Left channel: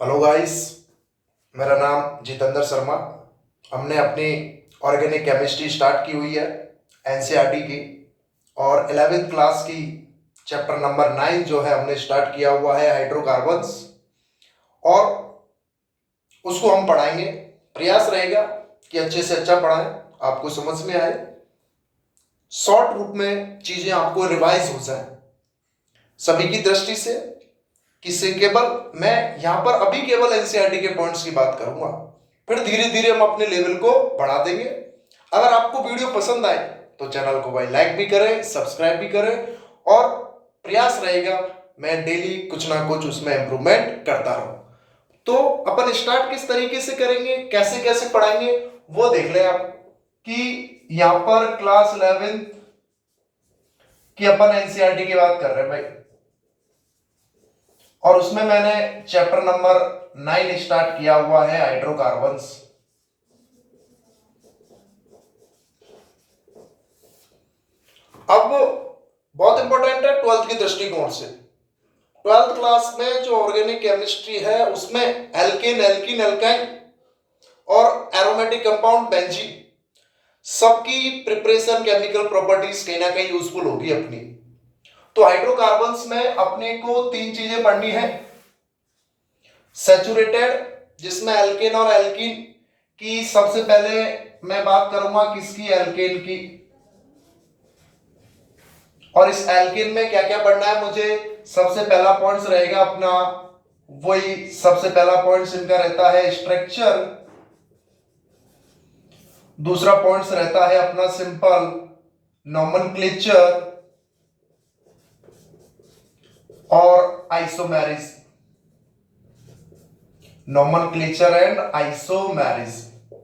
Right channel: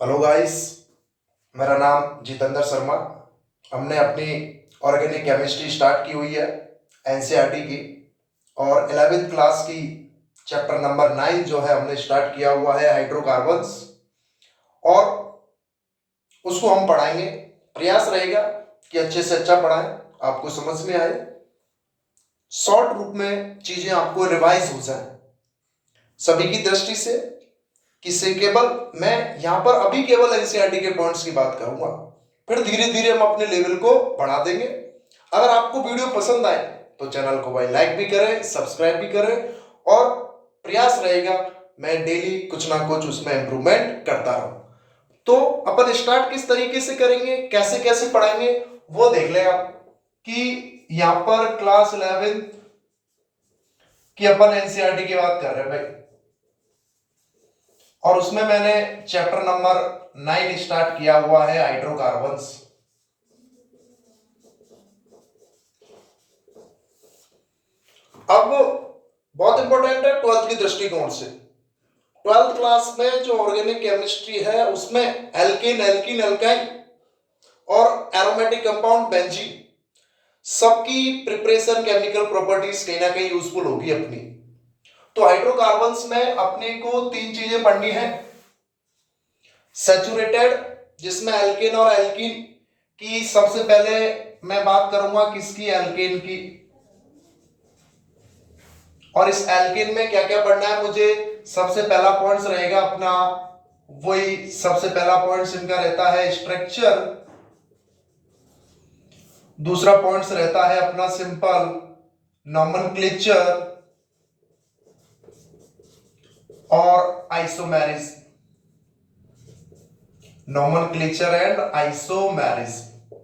Hello guys, मेरा नाम जितेंद्र शर्मा। हमने अपनी ऑर्गेनिक केमिस्ट्री स्टार्ट की हुई है एनसीईआरटी की, और 11वीं क्लास की चैप्टर नंबर 9 जो है हमने स्टार्ट किया हुआ है हाइड्रोकार्बन्स, और उसको हम पढ़ाएंगे। प्रयास रहेगा कि अच्छे से अच्छा पढ़ाएं, आपको समझ में आए, शॉर्ट रूप में चीज़ें आपको रिवाइज हो जाए सभी की दृष्टि से। किसी केवल मैं यहाँ पर अभी केवल एनसीईआरटी के पॉइंट्स की बात करूंगा, फिर धीरे धीरे हम अपने लेवल को बढ़ा देंगे। अगर आपको वीडियो पसंद आए तो चैनल को भाई लाइक भी करें, सब्सक्राइब भी करें, और प्रयास रहेगा मैं डेली कुछ ना कुछ उसमें इंप्रूवमेंट करता रहूं। तो अपन स्टार्ट किस तरीके से करेंगे, कैसे कैसे पढ़ाएंगे, वो देख लें आप। कि यहाँ पर क्लास 11 की अपन एनसीईआरटी की बात कर रहे हैं भाई, और उसमें मैंने चैप्टर नंबर 9 स्टार्ट किया हुआ है हाइड्रोकार्बन्स। अब बहुत इंपॉर्टेंट है 12th की दृष्टिकोण से। 12th क्लास में जो ऑर्गेनिक केमिस्ट्री है उसमें एल्केन, एल्कीन, एल्काइन और एरोमेटिक कंपाउंड बेंजीन सबकी प्रिपरेशन, केमिकल प्रॉपर्टीज कहीं ना कहीं यूजफुल होगी अपनी। तो हाइड्रोकार्बन्स में अपने को तीन चीजें पढ़नी है। सैचुरेटेड, जिसमें एल्केन और एल्कीन की सबसे पहले मैं बात करूंगा किसकी, एल्केन की। और इस एल्केन में क्या क्या पढ़ना है मुझे, सबसे पहला पॉइंट रहेगा अपना, वही सबसे पहला पॉइंट इनका रहता है स्ट्रक्चर। दूसरा पॉइंट रहता है अपना सिंपल नॉमेनक्लेचर और आइसोमेरिज्म। Nomenclature and isomerism.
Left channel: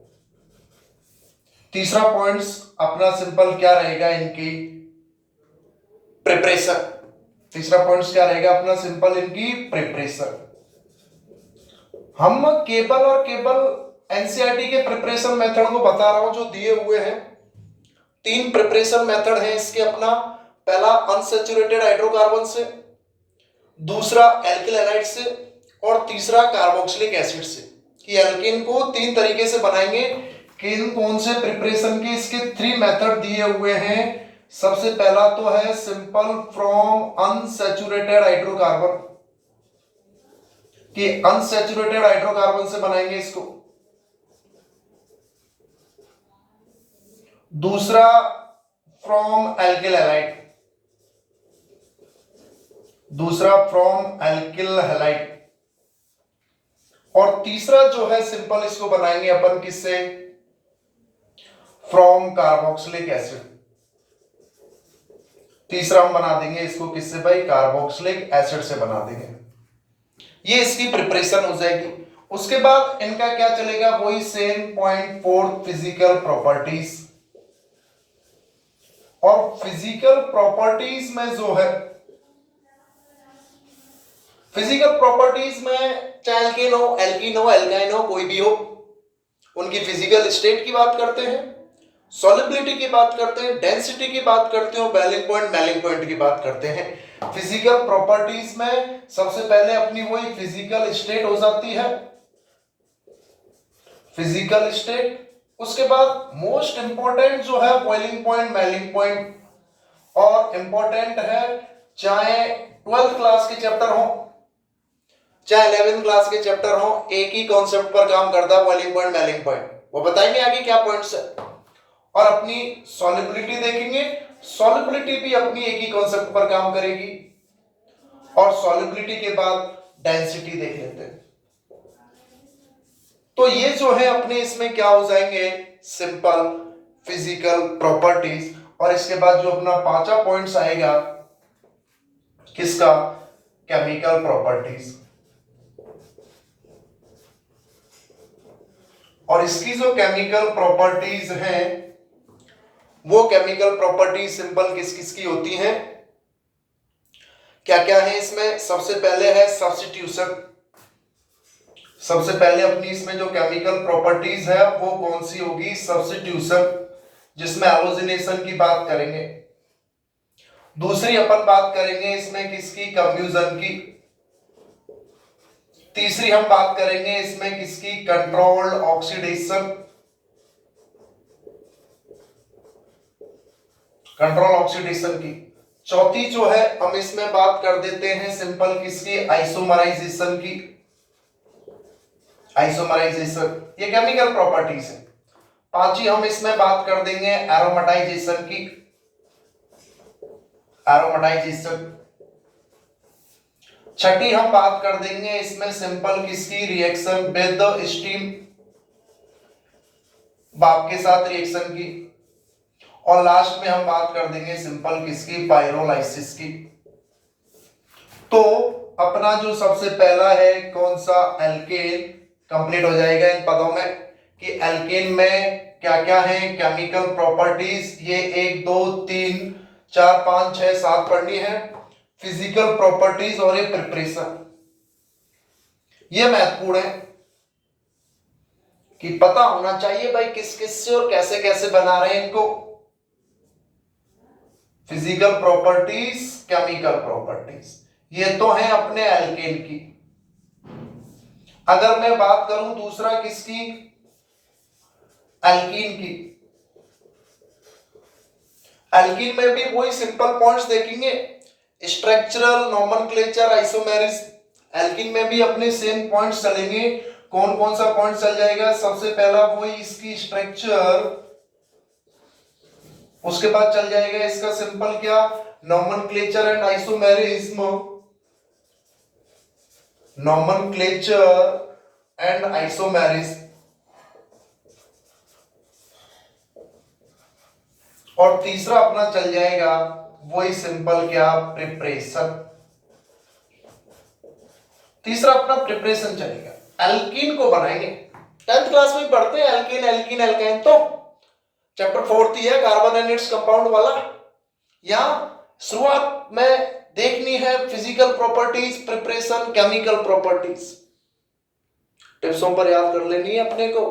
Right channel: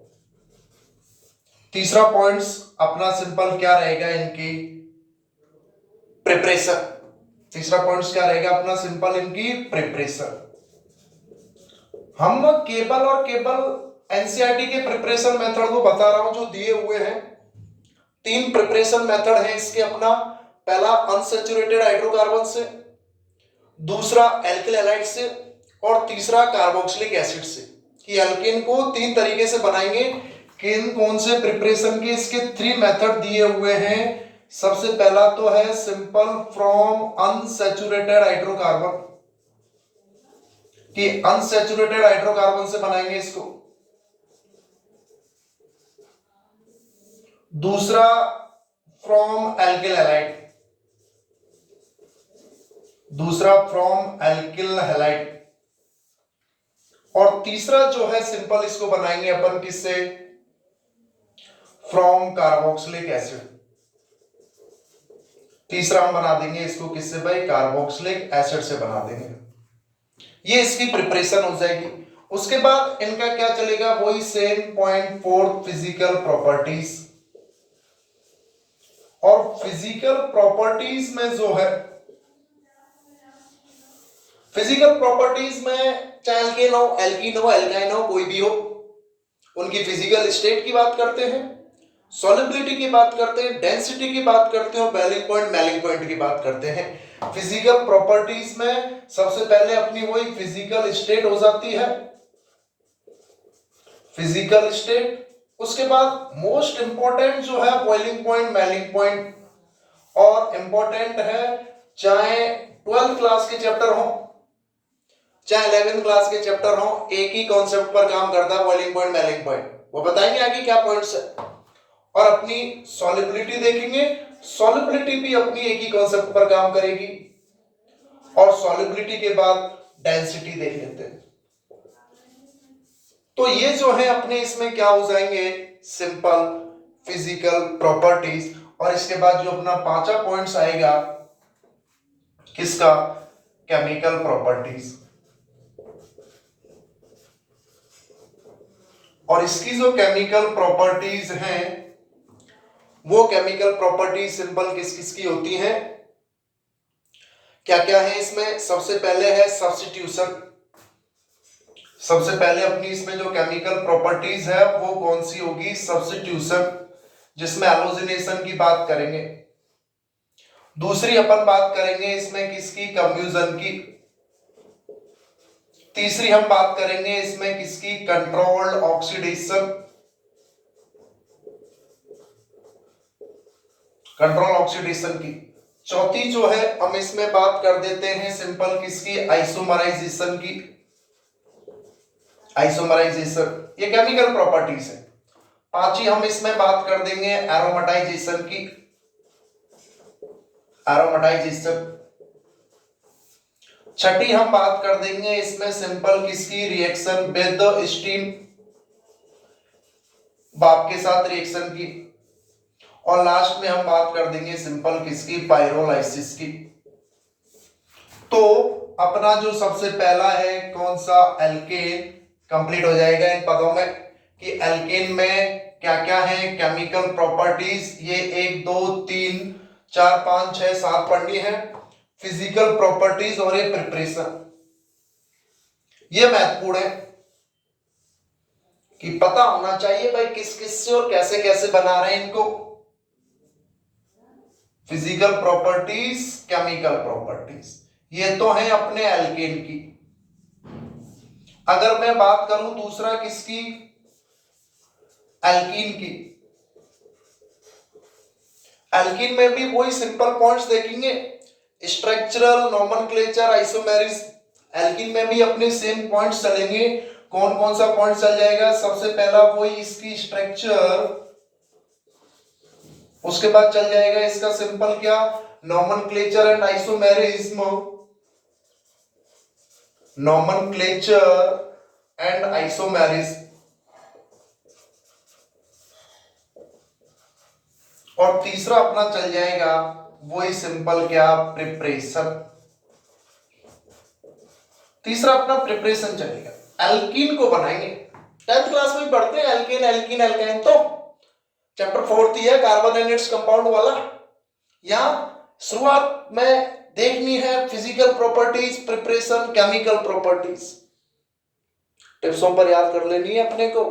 तीसरा पॉइंट अपना सिंपल क्या रहेगा, इनकी प्रिपरेशन। तीसरा पॉइंट क्या रहेगा अपना सिंपल, इनकी प्रिपरेशन। हम केवल और केवल एनसीईआरटी के प्रिपरेशन मेथड को बता रहा हूं जो दिए हुए हैं। तीन प्रिपरेशन मेथड है इसके अपना। पहला अनसैचुरेटेड हाइड्रोकार्बन से, दूसरा एल्किल हैलाइड से, और तीसरा कार्बोक्सिलिक एसिड से। कि एल्केन को तीन तरीके से बनाएंगे। किन कौन से प्रिपरेशन के इसके 3 मेथड दिए हुए हैं। सबसे पहला तो है सिंपल फ्रॉम अनसैचुरेटेड हाइड्रोकार्बन, कि अनसैचुरेटेड हाइड्रोकार्बन से बनाएंगे इसको। दूसरा फ्रॉम एल्किल हैलाइड, दूसरा फ्रॉम एल्किल हैलाइड, और तीसरा जो है सिंपल इसको बनाएंगे अपन किससे, फ्रॉम कार्बोक्सिलिक एसिड। तीसरा हम बना देंगे इसको किससे भाई, कार्बोक्सिलिक एसिड से बना देंगे। ये इसकी प्रिपरेशन हो जाएगी। उसके बाद इनका क्या चलेगा, वही सेम पॉइंट 4 फिजिकल प्रॉपर्टीज। और फिजिकल प्रॉपर्टीज में जो है, फिजिकल प्रॉपर्टीज में चाहे एल्केन हो, एल्कीन हो, एल्काइन हो, कोई भी हो, उनकी फिजिकल स्टेट की बात करते हैं, सॉल्युबिलिटी की बात करते हैं, डेंसिटी की बात करते हैं, बॉइलिंग पॉइंट, मेलिंग पॉइंट की बात करते हैं। फिजिकल प्रॉपर्टीज में सबसे पहले अपनी वही फिजिकल स्टेट हो जाती है, फिजिकल स्टेट। उसके बाद मोस्ट इंपॉर्टेंट जो है बॉइलिंग पॉइंट, मेलिंग पॉइंट। और इंपॉर्टेंट है, चाहे 12th क्लास के चैप्टर हो चाहे 11th क्लास के चैप्टर हो, एक ही कॉन्सेप्ट पर काम करता है, बॉइलिंग पॉइंट, मेलिंग पॉइंट। वो बताएंगे आगे क्या पॉइंट्स है। और अपनी सॉल्युबिलिटी देखेंगे, सॉल्युबिलिटी भी अपनी एक ही कॉन्सेप्ट पर काम करेगी। और सॉल्युबिलिटी के बाद डेंसिटी देख लेते हैं। तो ये जो है अपने इसमें क्या हो जाएंगे, सिंपल फिजिकल प्रॉपर्टीज। और इसके बाद जो अपना पांचवा पॉइंट्स आएगा किसका, केमिकल प्रॉपर्टीज। और इसकी जो केमिकल प्रॉपर्टीज हैं, वो केमिकल प्रॉपर्टीज सिंपल किस किस की होती हैं, क्या क्या है इसमें। सबसे पहले है सब्स्टिट्यूशन। सबसे पहले अपनी इसमें जो केमिकल प्रॉपर्टीज है वो कौन सी होगी, सब्स्टिट्यूशन, जिसमें हैलोजिनेशन की बात करेंगे। दूसरी अपन बात करेंगे इसमें किसकी, कंफ्यूजन की। तीसरी हम बात करेंगे इसमें किसकी, कंट्रोल्ड ऑक्सीडेशन, कंट्रोल ऑक्सीडेशन की। चौथी जो है हम इसमें बात कर देते हैं सिंपल किसकी, आइसोमराइजेशन की, आइसोमराइजेशन, ये केमिकल प्रॉपर्टीज है। पांचवी हम इसमें बात कर देंगे एरोमेटाइजेशन की, एरोमेटाइजेशन। छठी हम बात कर देंगे इसमें सिंपल किसकी, रिएक्शन विद स्टीम, भाप के साथ रिएक्शन की। और लास्ट में हम बात कर देंगे सिंपल किसकी, पाइरोलाइसिस की। तो अपना जो सबसे पहला है कौन सा, एल्केन, कंप्लीट हो जाएगा इन पदों में कि एल्केन में क्या क्या है केमिकल प्रॉपर्टीज, ये 1 2 3 4 5 6 7 पढ़नी है। फिजिकल प्रॉपर्टीज और ये प्रिपरेशन, ये महत्वपूर्ण है कि पता होना चाहिए भाई किस किस से और कैसे कैसे बना रहे हैं इनको। फिजिकल प्रॉपर्टीज, केमिकल प्रॉपर्टीज, ये तो है अपने एल्केन की। अगर मैं बात करूं दूसरा किसकी, एल्कीन की। एल्कीन में भी वही सिंपल पॉइंट्स देखेंगे, स्ट्रक्चरल, नोमेनक्लेचर, आइसोमेरिस। एल्कीन में भी अपने सेम पॉइंट्स चलेंगे। कौन कौन सा पॉइंट चल जाएगा, सबसे पहला वही इसकी स्ट्रक्चर, उसके बाद चल जाएगा इसका सिंपल क्या, nomenclature and isomerism, nomenclature and isomerism. और तीसरा अपना चल जाएगा वही सिंपल क्या, प्रिपरेशन। तीसरा अपना प्रिपरेशन चलेगा, एल्कीन को बनाएंगे। 10th क्लास में पढ़ते हैं एल्कीन, एल्कीन, एल्काइन, तो चैप्टर 4 ही है कार्बन एंड इट्स कंपाउंड वाला। यहां शुरुआत में देखनी है physical properties, preparation, chemical properties. टिप्सों पर याद कर लेनी है अपने को,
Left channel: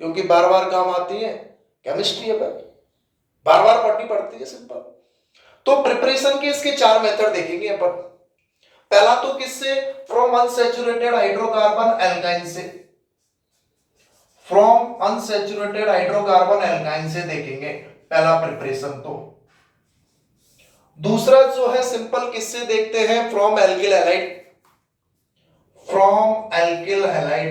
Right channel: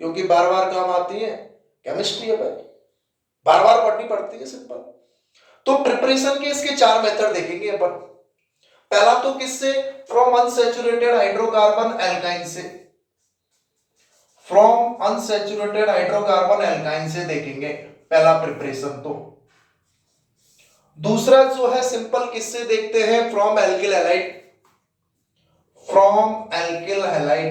क्योंकि बार बार काम आती है। केमिस्ट्री है भाई, बार बार पढ़नी पड़ती है सिंपल। तो प्रिपरेशन के इसके 4 मेथड देखेंगे अपन। पहला तो किससे, फ्रॉम अनसैचुरेटेड हाइड्रोकार्बन एल्काइन से, फ्रॉम अनसैचुरेटेड हाइड्रोकार्बन एल्काइन से देखेंगे पहला प्रिपरेशन। तो दूसरा जो है सिंपल किससे देखते हैं, from alkyl halide, from alkyl halide.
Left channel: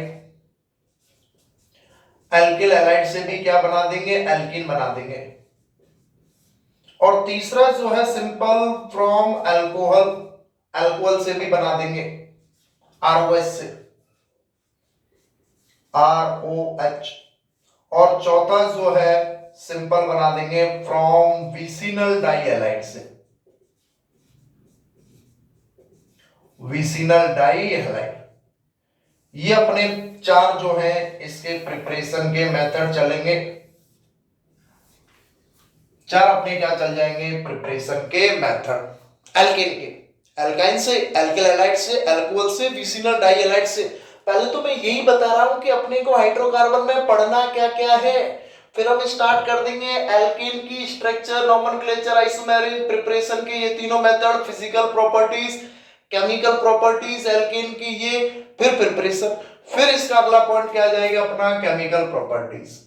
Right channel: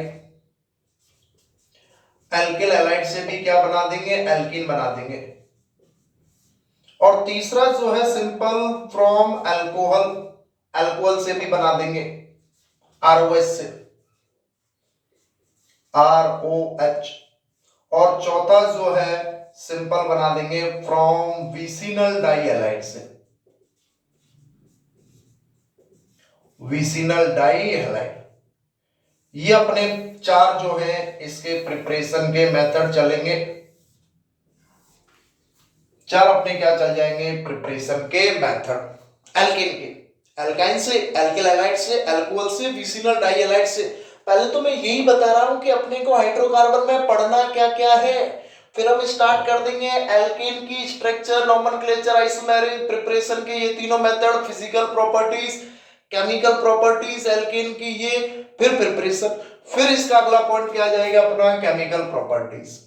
Alkyl halide से भी क्या बना देंगे, एल्कीन बना देंगे। और तीसरा जो है सिंपल फ्रॉम अल्कोहल, अल्कोहल से भी बना देंगे, ROH से, ROH। और चौथा जो है सिंपल बना देंगे फ्रॉम विसिनल डाइहैलाइड से, विसिनल डाइहैलाइड। ये अपने 4 जो है इसके प्रिपरेशन के मेथड चलेंगे। 4 अपने क्या चल जाएंगे, प्रिपरेशन के मेथड एल्केन के, एल्काइन से, एल्किल हैलाइड से, अल्कोहल से, विसिनल डाइहैलाइड से। पहले तो मैं यही बता रहा हूं कि अपने को हाइड्रोकार्बन में पढ़ना क्या क्या है, फिर हम स्टार्ट कर देंगे एल्केन की स्ट्रक्चर, नोमेनक्लेचर, आइसोमेरिक, प्रिपरेशन के ये तीनों method, physical properties, chemical properties alkane की ये, फिर प्रिपरेशन, फिर इसका अगला पॉइंट क्या आ जाएगा अपना, केमिकल प्रॉपर्टीज।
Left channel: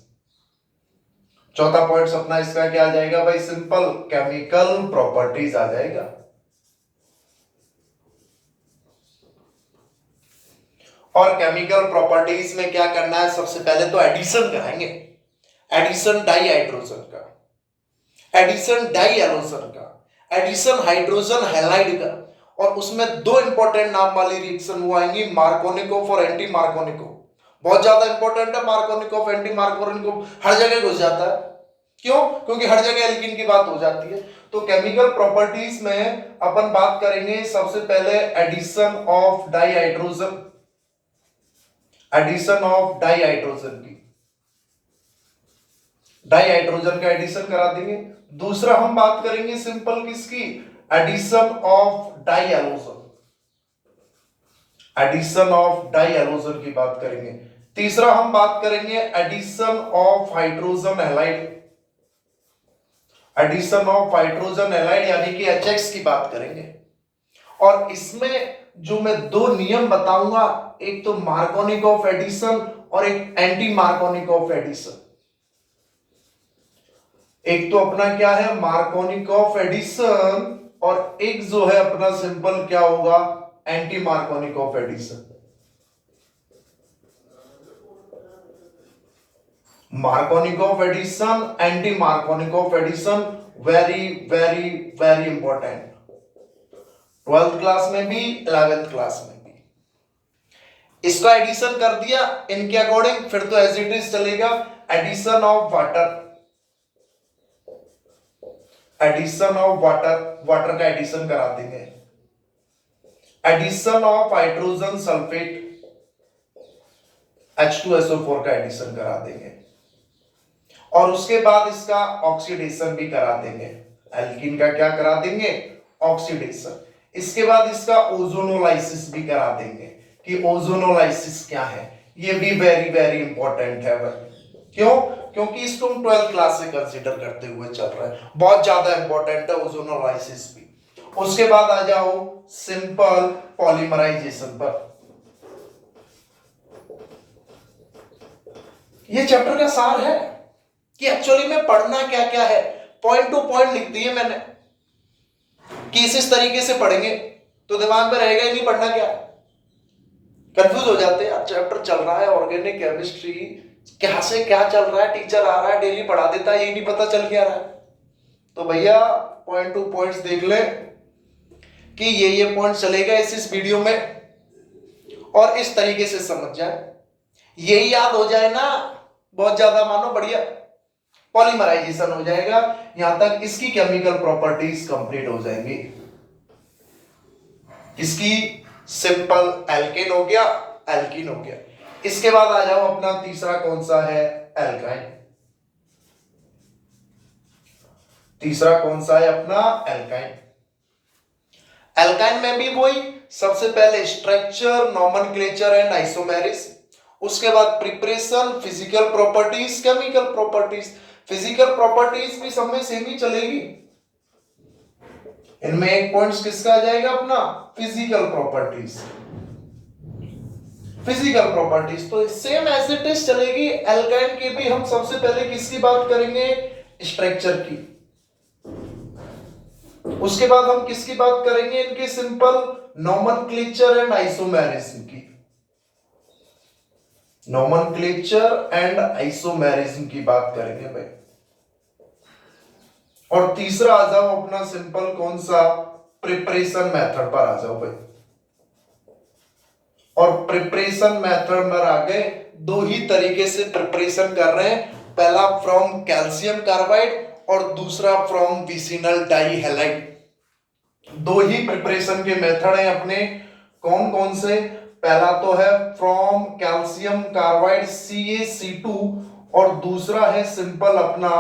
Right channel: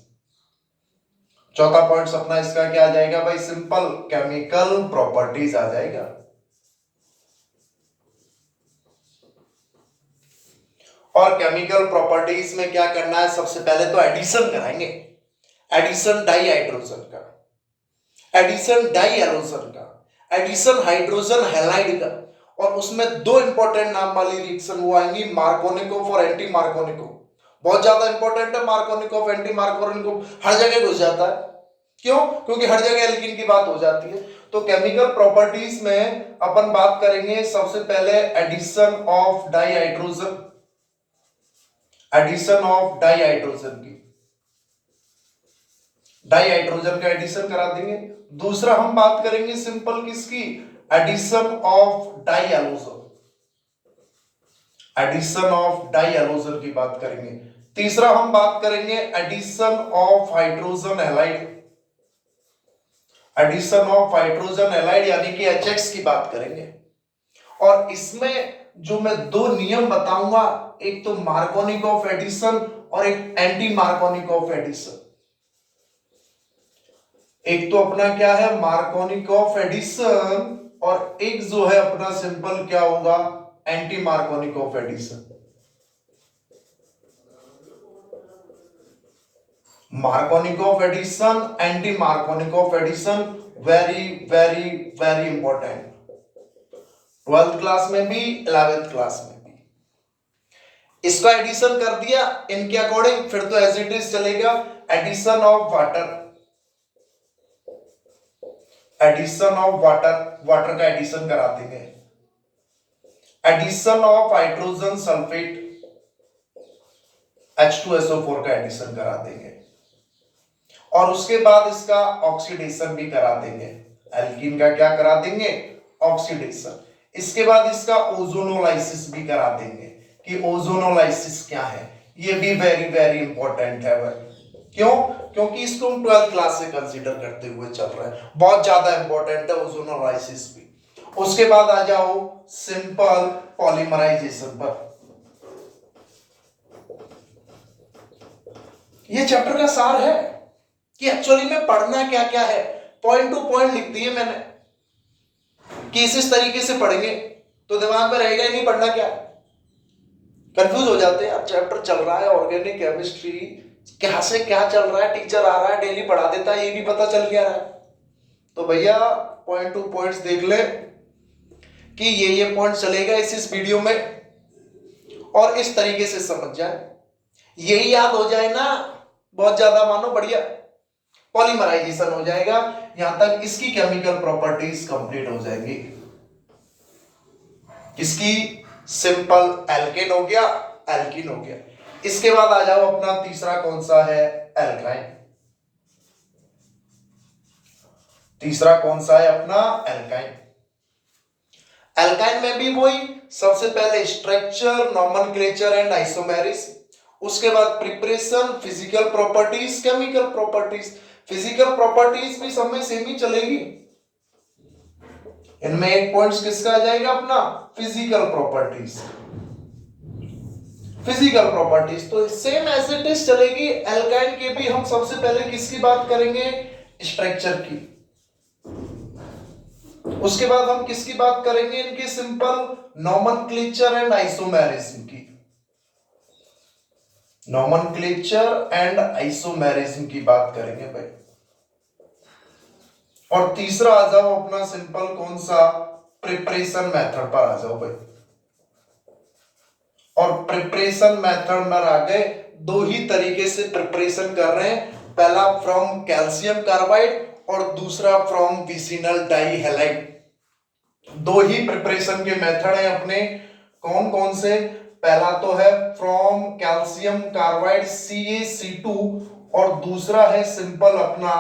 चौथा पॉइंट अपना इसका क्या आ जाएगा भाई, सिंपल केमिकल प्रॉपर्टीज आ जाएगा। और केमिकल प्रॉपर्टीज में क्या करना है, सबसे पहले तो एडिशन कराएंगे, एडिशन डाई हाइड्रोजन का, एडिशन डाई एलोजन का, एडिशन हाइड्रोजन हैलाइड का। और उसमें 2 इंपॉर्टेंट नाम वाली रिएक्शन वो आएंगी, मार्कोनिकोव और एंटी मार्कोनिकोव। बहुत ज्यादा इंपॉर्टेंट है मार्कोनिकोव, एंटी मार्कोनिकोव, हर जगह घुस जाता है। क्यों, क्योंकि हर जगह एल्कीन की बात हो जाती है। तो केमिकल प्रॉपर्टीज में अपन बात करेंगे सबसे पहले addition of dihydrogen, addition of dihydrogen की, डाई हाइड्रोजन का एडिशन करा देंगे। दूसरा हम बात करेंगे सिंपल किसकी, addition of dihalogen, addition of dihalogen की बात करेंगे। तीसरा हम बात करेंगे addition of hydrogen halide, addition of hydrogen halide यानी कि HX की बात करेंगे। और इसमें जो मैं दो नियम बताऊंगा, एक तो मार्कोनिक ऑफ एडिशन और एक एंटी मार्कोनिक ऑफ एडिशन। एक तो अपना क्या है मार्कोनिक ऑफ एडिशन और एक जो है अपना सिंपल क्या होगा anti Markovnikov of addition. Markovnikov of addition, anti Markovnikov of addition, very very very important, 12th class में भी 11th क्लास में भी। इसका एडिशन कर दिया इनके अकॉर्डिंग, फिर तो एज इट इज चलेगा। Addition of water, addition of water, water का एडिशन करा देंगे। Addition of hydrogen sulphate, H2SO4 का एडिशन करा देंगे और उसके बाद इसका ऑक्सीडेशन भी करा देंगे। एल्कीन का क्या करा देंगे ऑक्सीडेशन। इसके बाद इसका ओजोनोलाइसिस भी करा देंगे कि ओजोनोलाइसिस क्या है, ये भी वेरी वेरी इंपॉर्टेंट है भाई। क्यों? क्योंकि इसको हम 12th क्लास से कंसीडर करते हुए चल रहे हैं, बहुत ज्यादा इंपॉर्टेंट है ओजोनोलाइसिस भी। उसके बाद आ जाओ सिंपल पॉलीमराइजेशन पर। ये चैप्टर का सार है कि एक्चुअली में पढ़ना क्या क्या है, पॉइंट टू पॉइंट लिख दिए मैंने कि इस तरीके से पढ़ेंगे तो दिमाग में रहेगा ही नहीं पढ़ना क्या। कंफ्यूज हो जाते हैं यार, चैप्टर चल रहा है ऑर्गेनिक केमिस्ट्री, क्या से क्या चल रहा है, टीचर आ रहा है डेली पढ़ा देता है, ये नहीं पता चल क्या रहा है। तो भैया पॉइंट टू पॉइंट्स देख ले कि ये पॉइंट चलेगा इस वीडियो में और इस तरीके से समझ जाए, यही याद हो जाए ना, बहुत ज्यादा मानो बढ़िया पॉलीमराइजेशन हो जाएगा। यहां तक इसकी केमिकल प्रॉपर्टीज कंप्लीट हो जाएंगी। इसकी सिंपल एल्केन हो गया, एल्कीन हो गया। इसके बाद आ जाओ अपना तीसरा कौन सा है एल्काइन। तीसरा कौन सा है अपना एल्काइन। एल्काइन में भी वही, सबसे पहले स्ट्रक्चर, नॉमेनक्लेचर एंड आइसोमेरिज्म, उसके बाद preparation, physical properties, chemical properties. Physical properties भी सब में सेम ही चलेगी। इनमें एक पॉइंट किसका आ जाएगा अपना फिजिकल प्रॉपर्टीज। फिजिकल प्रॉपर्टीज तो सेम एज इट इज चलेगी। एल्काइन के भी हम सबसे पहले किसकी बात करेंगे स्ट्रक्चर की, उसके बाद हम किसकी बात करेंगे इनके सिंपल नॉमेनक्लेचर एंड आइसोमेरिज्म की। नॉमेनक्लेचर एंड आइसोमेरिज्म की बात करेंगे भाई। और तीसरा आ जाओ अपना सिंपल कौन सा प्रिपरेशन मेथड पर आ जाओ भाई। और प्रिपरेशन मेथड में आ गए, दो ही तरीके से प्रिपरेशन कर रहे हैं, पहला फ्रॉम कैल्शियम कार्बाइड और दूसरा फ्रॉम विसिनल डाई हैलाइड। दो ही प्रिपरेशन के मेथड हैं अपने, कौन कौन से, पहला तो है फ्रॉम कैल्शियम कार्बाइड CaC2 और दूसरा है सिंपल अपना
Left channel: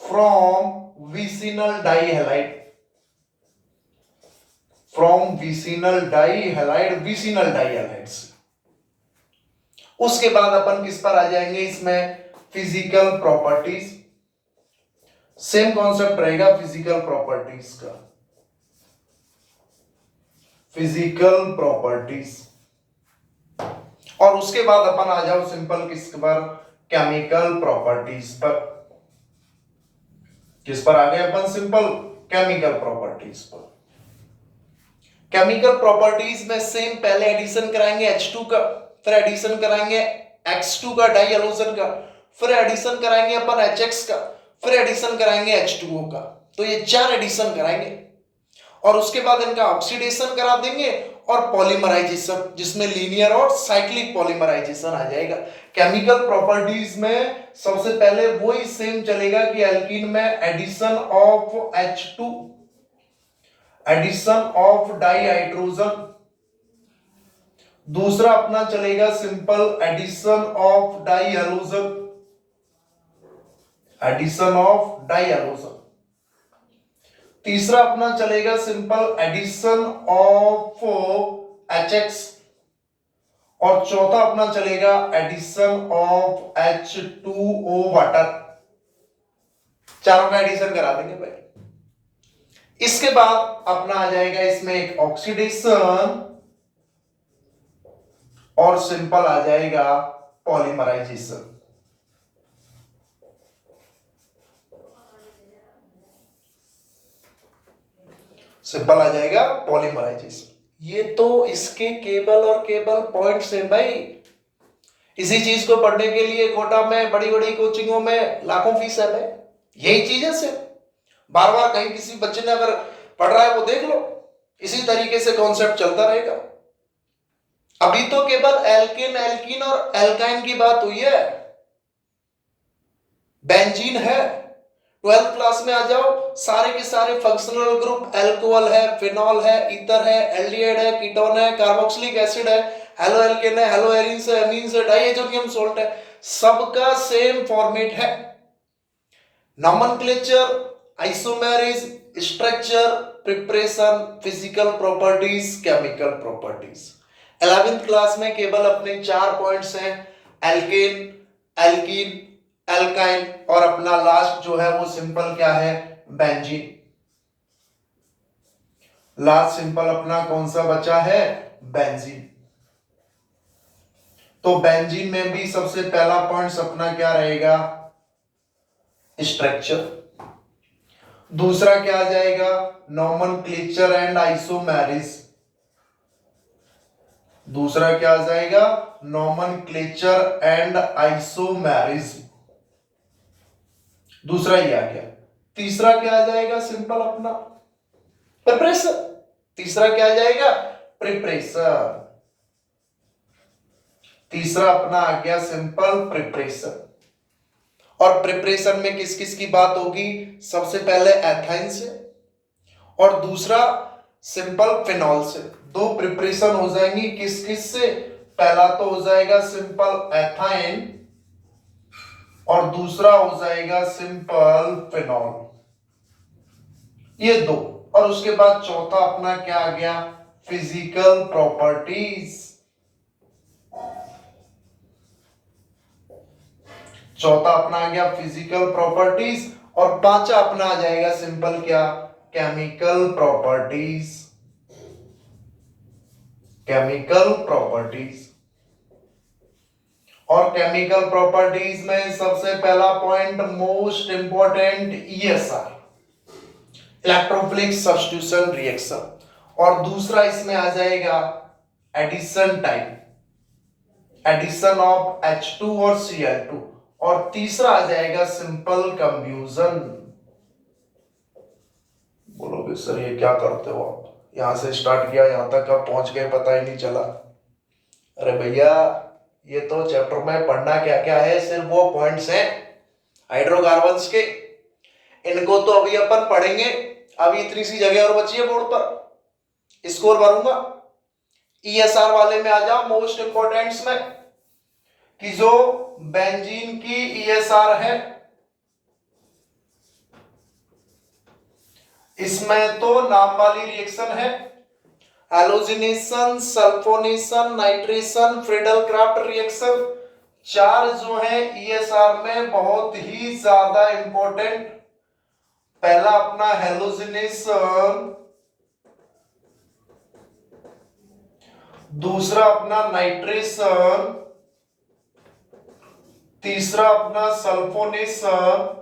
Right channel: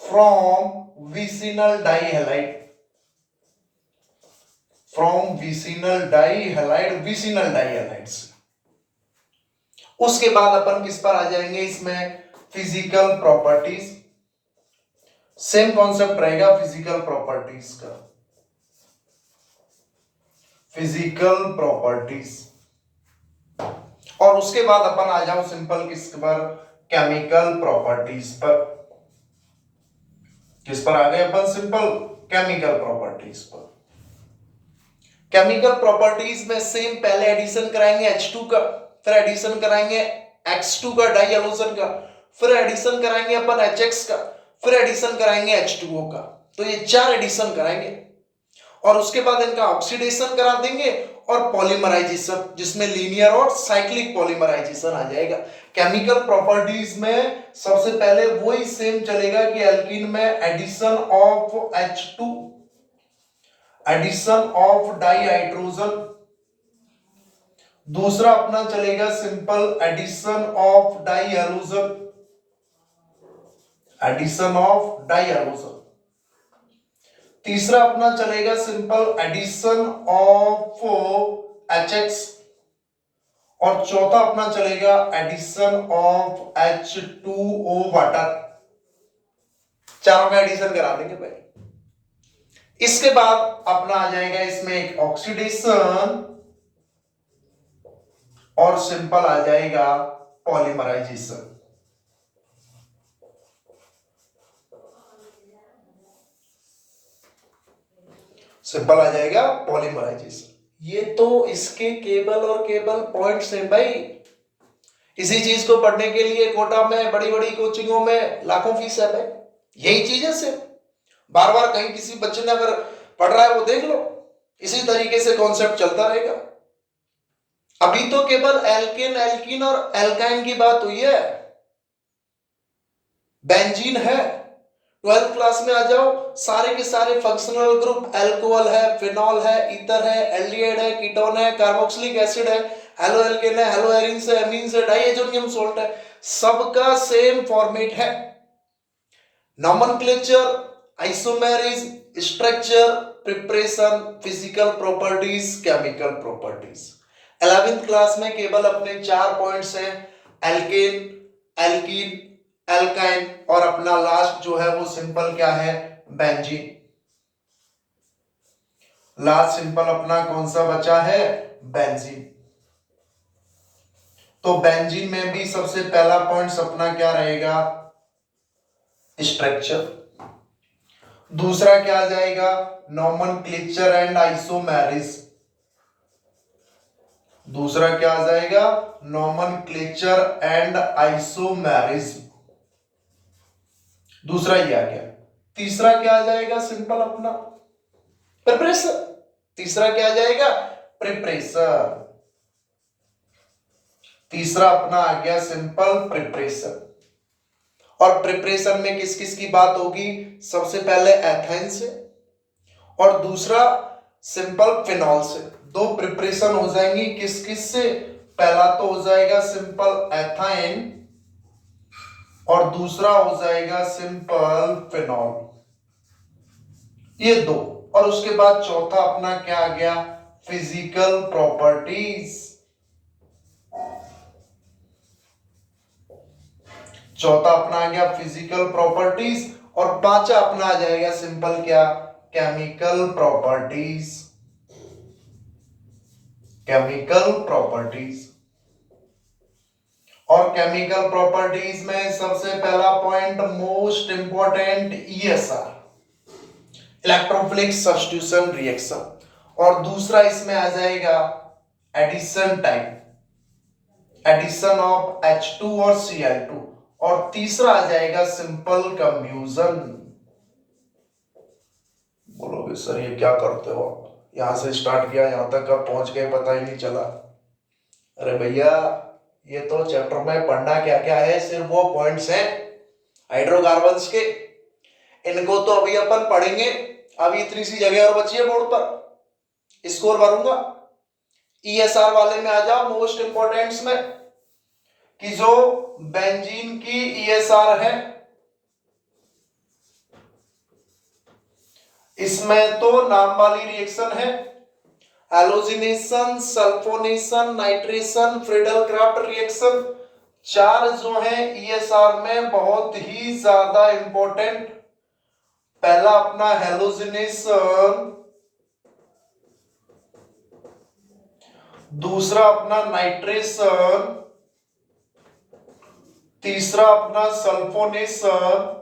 from vicinal die halide. From vicinal die halide, vicinal die halide से। उसके बाद अपन किस पर आ जाएंगे इसमें फिजिकल प्रॉपर्टीज। सेम कॉन्सेप्ट रहेगा फिजिकल प्रॉपर्टीज का, फिजिकल प्रॉपर्टीज। और उसके बाद अपन आ जाओ सिंपल किस पर केमिकल प्रॉपर्टीज पर। किस पर आ गए अपन सिंपल केमिकल प्रॉपर्टीज पर। केमिकल प्रॉपर्टीज में सेम पहले एडिशन कराएंगे H2 का, फिर एडिशन कराएंगे X2 का डाई हैलोजन का, फिर एडिशन कराएंगे अपन HX का, फिर एडिशन कराएंगे H2O का। तो ये 4 एडिशन कराएंगे और उसके बाद इनका ऑक्सीडेशन करा देंगे और पॉलीमराइजेशन, जिसमें लीनियर और साइक्लिक पॉलीमराइजेशन आ जाएगा। केमिकल प्रॉपर्टीज में सबसे पहले वही सेम चलेगा कि एल्कीन में addition of H2, addition of dihydrogen, दूसरा अपना चलेगा simple addition of dihalogen, addition of dihalogen, तीसरा अपना चलेगा सिंपल एडिशन ऑफ HX और चौथा अपना चलेगा एडिशन ऑफ H2O वाटर। चारों का एडिशन करा देंगे भाई। इसके बाद अपना आ जाएगा इसमें एक ऑक्सीडेशन और सिंपल आ जाएगा पॉलीमराइजेशन। सिंपल आ जाएगा पॉलीमराइजेशन। ये तो इसके केबल और केबल पॉइंट्स हैं भाई। इसी चीज को पढ़ने के लिए कोटा में बड़ी बड़ी कोचिंगों में लाखों फीस है भाई। यही चीज है सिर्फ, बार बार कहीं किसी बच्चे ने अगर पढ़ रहा है वो देख लो, इसी तरीके से कॉन्सेप्ट चलता रहेगा। अभी तो केवल एल्केन, एल्कीन और एल्काइन की बात हुई है। बेंजीन है, 12th क्लास में आ जाओ, सारे के सारे फंक्शनल ग्रुप, अल्कोहल है, फिनॉल है, ईथर है, एल्डिहाइड है, कीटोन है, कार्बोक्सिलिक एसिड है, हेलो एल्केन है, हेलो एरिन्स है, एमीन्स है, डाइएजोनियम सोल्ट है, सबका सेम फॉर्मेट है। Nomenclature, isomerism, structure, preparation, physical properties, chemical properties. 11th class में केवल अपने 4 पॉइंट्स हैं, एल्केन, एल्कीन, एल्काइन और अपना लास्ट जो है वो सिंपल क्या है, बेंजीन। लास्ट सिंपल अपना कौन सा बचा है, बेंजीन। तो बेंजीन में भी सबसे पहला पॉइंट अपना क्या रहेगा, स्ट्रक्चर। दूसरा क्या आ जाएगा, नॉमेनक्लेचर एंड आइसोमेरिज। दूसरा क्या आ जाएगा, नॉमेनक्लेचर एंड आइसोमेरिज। दूसरा ये आ गया। तीसरा क्या आ जाएगा, सिंपल अपना प्रिपरेशन। तीसरा क्या आ जाएगा, प्रिपरेशन। तीसरा अपना आ गया सिंपल प्रिपरेशन। और प्रिपरेशन में किस किस की बात होगी, सबसे पहले एथाइन से और दूसरा सिंपल फिनॉल से। दो प्रिपरेशन हो जाएंगी, किस किस से, पहला तो हो जाएगा सिंपल एथाइन और दूसरा हो जाएगा सिंपल फिनॉल, ये दो। और उसके बाद चौथा अपना क्या आ गया, फिजिकल प्रॉपर्टीज। चौथा अपना आ गया फिजिकल प्रॉपर्टीज और पांचवा अपना आ जाएगा सिंपल क्या, केमिकल प्रॉपर्टीज। Chemical properties. और केमिकल प्रॉपर्टीज में सबसे पहला point most important, ESR, electrophilic substitution reaction. और दूसरा इसमें आ जाएगा addition type, addition of H2 और Cl2। और तीसरा आ जाएगा सिंपल कंब्यूजन। बोलोगे सर ये क्या करते हो आप, यहां से स्टार्ट किया यहां तक कब पहुंच गए पता ही नहीं चला। अरे भैया ये तो चैप्टर में पढ़ना क्या क्या है, सिर्फ वो पॉइंट्स हैं हाइड्रोकार्बन्स के, इनको तो अभी अपन पढ़ेंगे। अभी इतनी सी जगह और बची है बोर्ड पर, स्कोर भरूंगा। ईएसआर वाले में आ जाओ, मोस्ट इंपोर्टेंट्स में, कि जो बेंजीन की ईएसआर है, इसमें तो नाम वाली रिएक्शन है, halogenation, sulphonation, nitration, Friedel-Crafts reaction. चार जो है ईएसआर में बहुत ही ज्यादा इंपॉर्टेंट। पहला अपना हैलोजिनेशन, दूसरा अपना नाइट्रेशन, तीसरा अपना सल्फोनेशन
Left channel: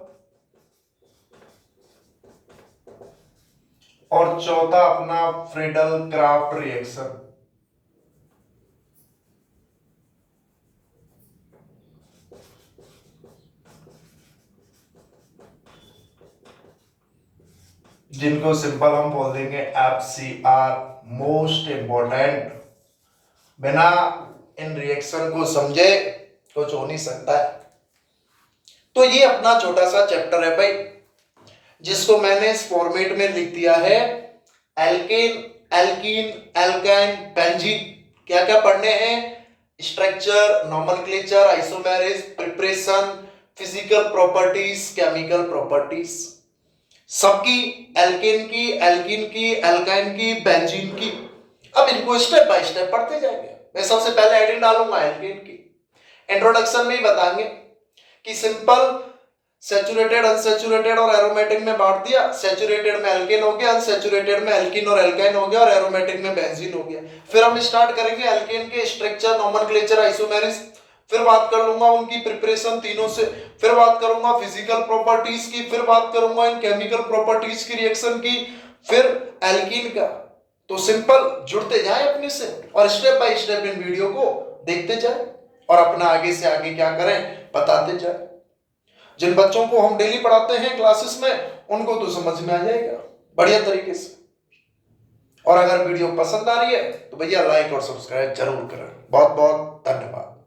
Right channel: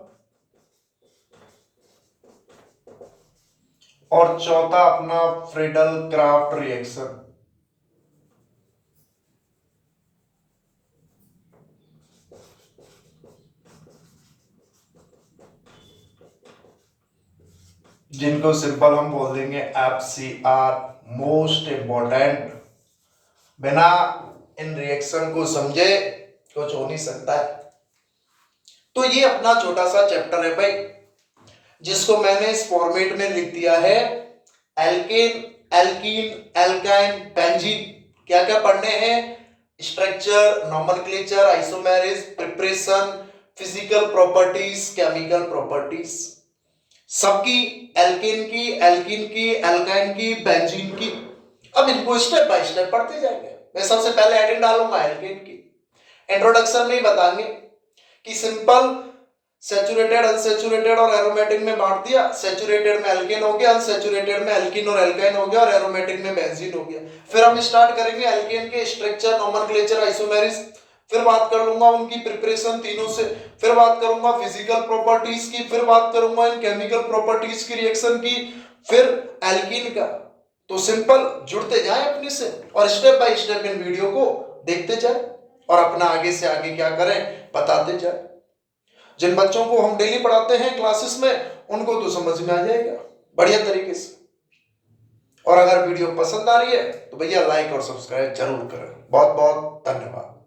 और चौथा अपना फ्रीडल-क्राफ्ट रिएक्शन। जिनको सिंपल हम बोल देंगे FCR, मोस्ट इंपॉर्टेंट। बिना इन रिएक्शन को समझे कुछ हो नहीं सकता है। तो ये अपना छोटा सा चैप्टर है भाई, जिसको मैंने इस फॉर्मेट में लिख दिया है, एल्केन, एल्कीन, एल्काइन, बेंजीन। क्या क्या पढ़ने हैं, structure, nomenclature, isomerism, preparation, physical properties, chemical properties. सबकी, एल्केन की, एल्कीन की, एल्काइन की, बेंजीन की। अब इनको स्टेप बाय स्टेप पढ़ते जाएंगे। मैं सबसे पहले हेडिंग डालूंगा एल्केन की, इंट्रोडक्शन में ही बताएंगे कि सिंपल सैचुरेटेड, अनसैचुरेटेड और एरोमेटिक में बांट दिया। सैचुरेटेड में एल्केन हो गया, अनसैचुरेटेड में एल्कीन और एल्काइन हो गया और एरोमेटिक में बेंजीन हो गया। फिर हम स्टार्ट करेंगे एल्केन के स्ट्रक्चर, नोमेनक्लेचर, आइसोमेरिस। फिर बात कर लूंगा उनकी प्रिपरेशन तीनों से। फिर बात करूंगा फिजिकल प्रॉपर्टीज की। फिर बात करूंगा इन केमिकल प्रॉपर्टीज की, रिएक्शन की। फिर एल्कीन का। तो सिंपल जुड़ते जाएं अपने से और step by step in video को देखते जाएं और अपना आगे से आगे क्या करें बताते जाएं। जिन बच्चों को हम डेली पढ़ाते हैं क्लासेस में उनको तो समझ में आ जाएगा बढ़िया तरीके से। और अगर वीडियो पसंद आ रही है तो भैया लाइक और सब्सक्राइब जरूर करें। बहुत बहुत धन्यवाद।